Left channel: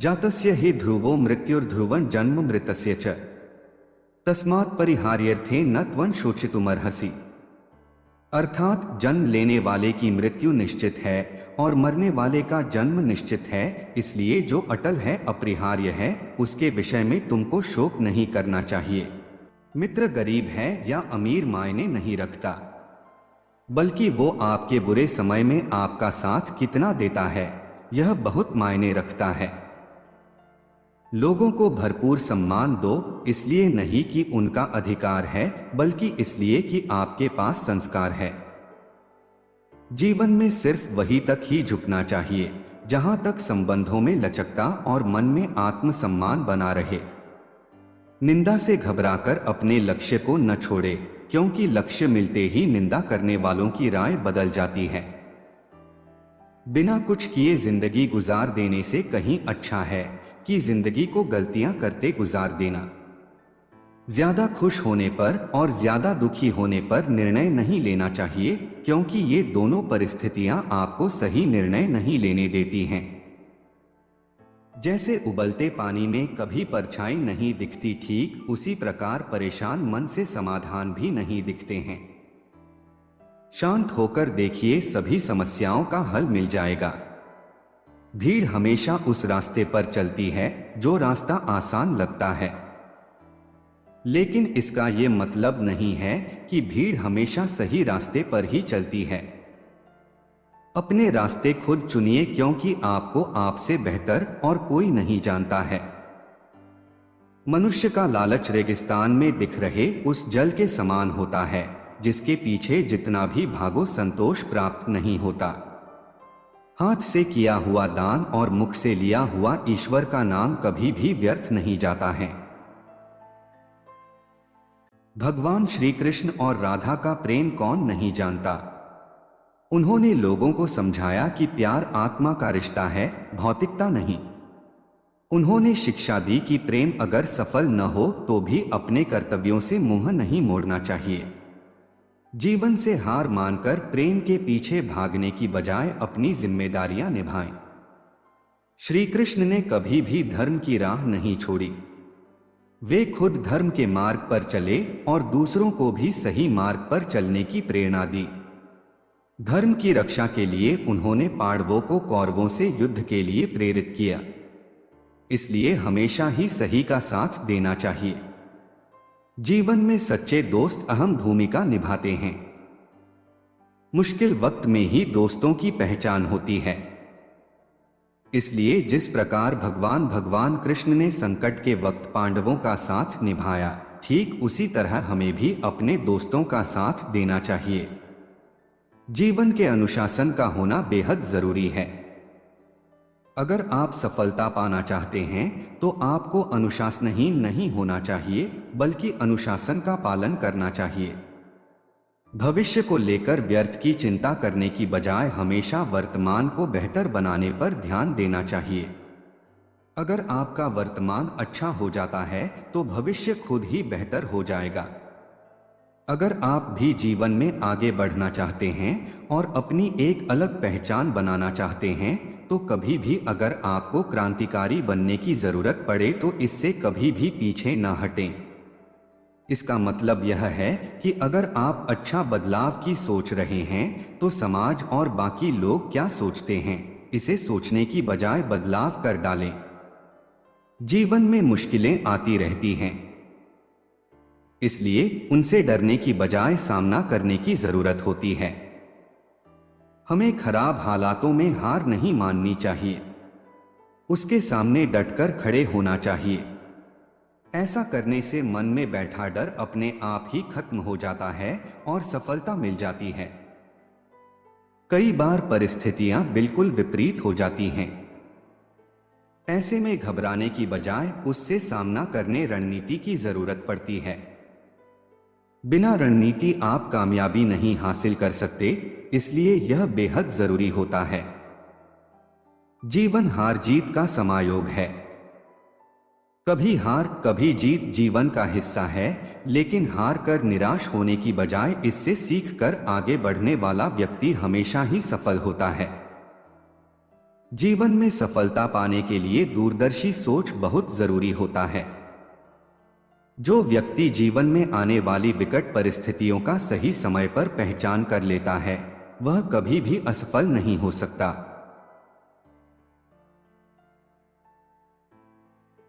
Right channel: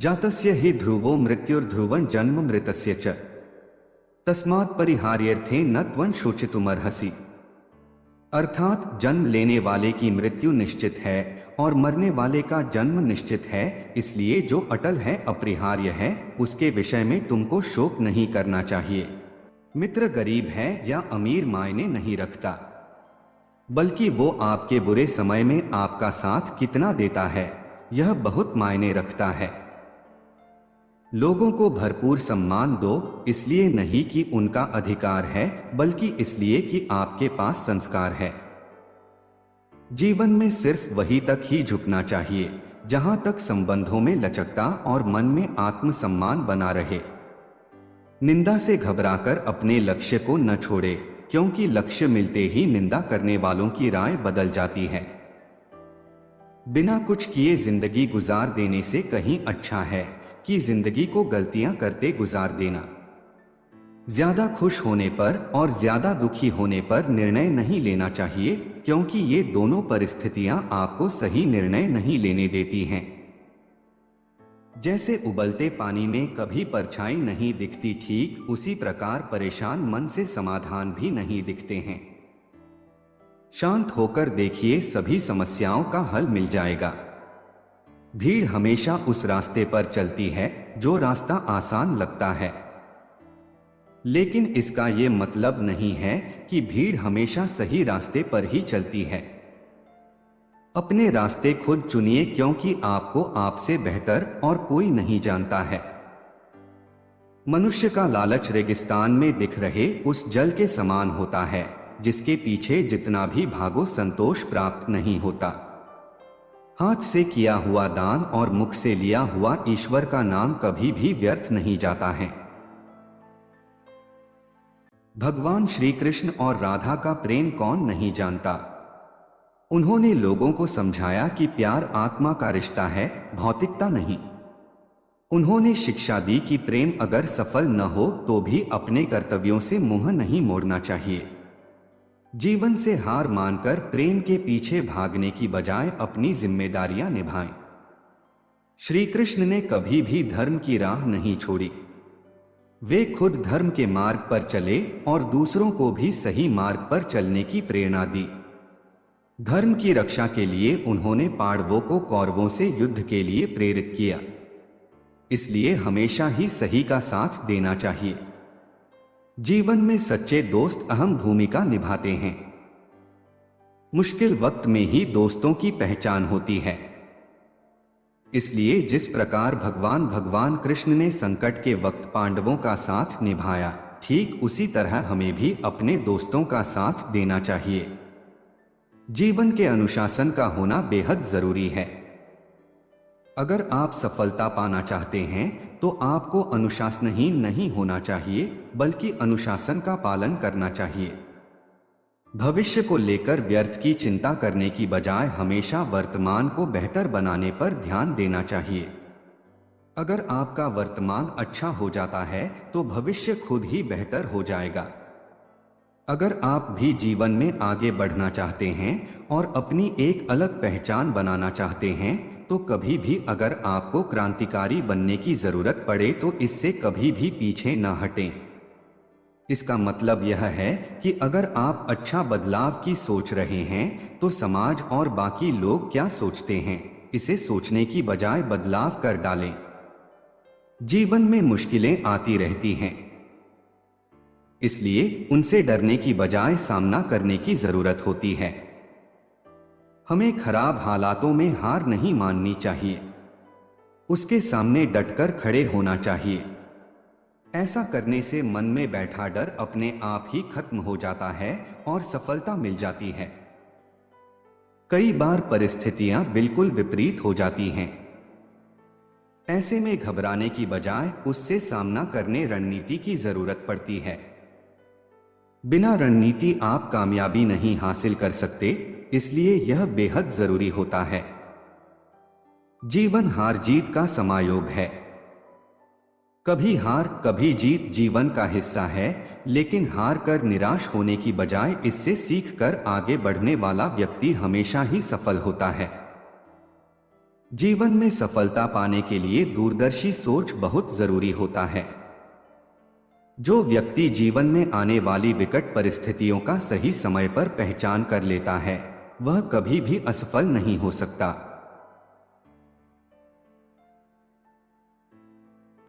जातस्य हि ध्रुवो मृत्युर्ध्रुवं जन्म मृतस्य च तस्मात् परिहार्यर्थे न त्वं शोचितुमर्हसि। अर्थात जन्म लेने वाले की मृत्यु निश्चित है और मरने वाले का जन्म निश्चित है, इसलिए जो अटल है, अपरिहार्य है, उसके विषय में तुमको शोक नहीं करना चाहिए। मित्र गरीब है या अमीर मायने नहीं रखता, बल्कि वो आपके बुरे समय में आपका साथ कितना देता है यह बहुत मायने रखता है। लोगों को भरपूर सम्मान दो, इसलिए नहीं कि उनका अधिकार है, बल्कि इसलिए कि आपके पास संस्कार है। जीवन में सिर्फ वही तक ही झुकना चाहिए जहां तक संबंधों में लचकता और मन में आत्मसम्मान बना रहे। निंदा से घबराकर अपने लक्ष्य को न छोड़े, क्योंकि लक्ष्य मिलते ही निंदा करने वालों की राय बदल जाती है। बिना कुछ किए जिंदगी गुजार देने से कहीं अच्छा है कि जिंदगी को गलतियां करते गुजार देना। ज्यादा खुश होने पर और ज्यादा दुखी होने पर निर्णय नहीं लेना चाहिए, क्योंकि ये दोनों परिस्थितियां आपको सही निर्णय नहीं लेने देती हैं। जैसे उबलते पानी में कभी परछाई नहीं दिखती, ठीक उसी प्रकार परेशान मन से समाधान भी नहीं दिखते हैं। शांत होकर देखिए, सभी समस्याओं का हल मिल जाएगा। भीड़ हमेशा उस रास्ते पर चलती है जो रास्ता आसान लगता है, लेकिन इसका ये मतलब नहीं है कि भीड़ हमेशा सही रास्ते पर ही चलती है। अपने रास्ते खुद चुनिए, क्योंकि आपको आपसे बेहतर और कोई नहीं जानता है। मनुष्य का लालच रेगिस्तान में दिख रहे उस जल के समान होता है, जिसके पीछे जितना भी भागो संतोष प्राप्त नहीं होता। हाथ से किया हुआ दान और मुख से लिया हुआ ईश्वर का नाम कभी भी व्यर्थ नहीं जाता है। भगवान श्री कृष्ण और राधा का प्रेम कौन नहीं जानता। उन्होंने लोगों को समझाया कि प्यार आत्मा का रिश्ता है, भौतिकता नहीं। उन्होंने शिक्षा दी कि प्रेम अगर सफल न हो तो भी अपने कर्तव्यों से मुंह नहीं मोड़ना चाहिए। जीवन से हार मानकर प्रेम के पीछे भागने की बजाय अपनी जिम्मेदारियां निभाएं। श्री कृष्ण ने कभी भी धर्म की राह नहीं छोड़ी। वे खुद धर्म के मार्ग पर चले और दूसरों को भी सही मार्ग पर चलने की प्रेरणा दी। धर्म की रक्षा के लिए उन्होंने पांडवों को कौरवों से युद्ध के लिए प्रेरित किया। इसलिए हमेशा ही सही का साथ देना चाहिए। जीवन में सच्चे दोस्त अहम भूमिका निभाते हैं। मुश्किल वक्त में ही दोस्तों की पहचान होती है। इसलिए जिस प्रकार भगवान कृष्ण ने संकट के वक्त पांडवों का साथ निभाया, ठीक उसी तरह हमें भी अपने दोस्तों का साथ देना चाहिए। जीवन के अनुशासन का होना बेहद जरूरी है। अगर आप सफलता पाना चाहते हैं तो आपको अनुशासनहीन नहीं होना चाहिए, बल्कि अनुशासन का पालन करना चाहिए। भविष्य को लेकर व्यर्थ की चिंता करने की बजाय हमेशा वर्तमान को बेहतर बनाने पर ध्यान देना चाहिए। अगर आपका वर्तमान अच्छा हो जाता है तो भविष्य खुद ही बेहतर हो जाएगा। अगर आप भी जीवन में आगे बढ़ना चाहते हैं और अपनी एक अलग पहचान बनाना चाहते हैं, तो कभी भी अगर आपको क्रांतिकारी बनने की जरूरत पड़े तो इससे कभी भी पीछे ना हटें। इसका मतलब यह है कि अगर आप अच्छा बदलाव की सोच रहे हैं तो समाज और बाकी लोग क्या सोचते हैं, इसे सोचने की बजाय बदलाव कर डालें। जीवन में मुश्किलें आती रहती हैं, इसलिए उनसे डरने की बजाय सामना करने की जरूरत होती है। हमें खराब हालातों में हार नहीं माननी चाहिए, उसके सामने डटकर खड़े होना चाहिए। ऐसा करने से मन में बैठा डर अपने आप ही खत्म हो जाता है और सफलता मिल जाती है। कई बार परिस्थितियां बिल्कुल विपरीत हो जाती हैं। ऐसे में घबराने की बजाय उससे सामना करने रणनीति की जरूरत पड़ती है। बिना रणनीति आप कामयाबी नहीं हासिल कर सकते, इसलिए यह बेहद जरूरी होता है। जीवन हार जीत का समायोग है। कभी हार कभी जीत जीवन का हिस्सा है, लेकिन हार कर निराश होने की बजाय इससे सीख कर आगे बढ़ने वाला व्यक्ति हमेशा ही सफल होता है। जीवन में सफलता पाने के लिए दूरदर्शी सोच बहुत जरूरी होता है। जो व्यक्ति जीवन में आने वाली विकट परिस्थितियों का सही समय पर पहचान कर लेता है, वह कभी भी असफल नहीं हो सकता।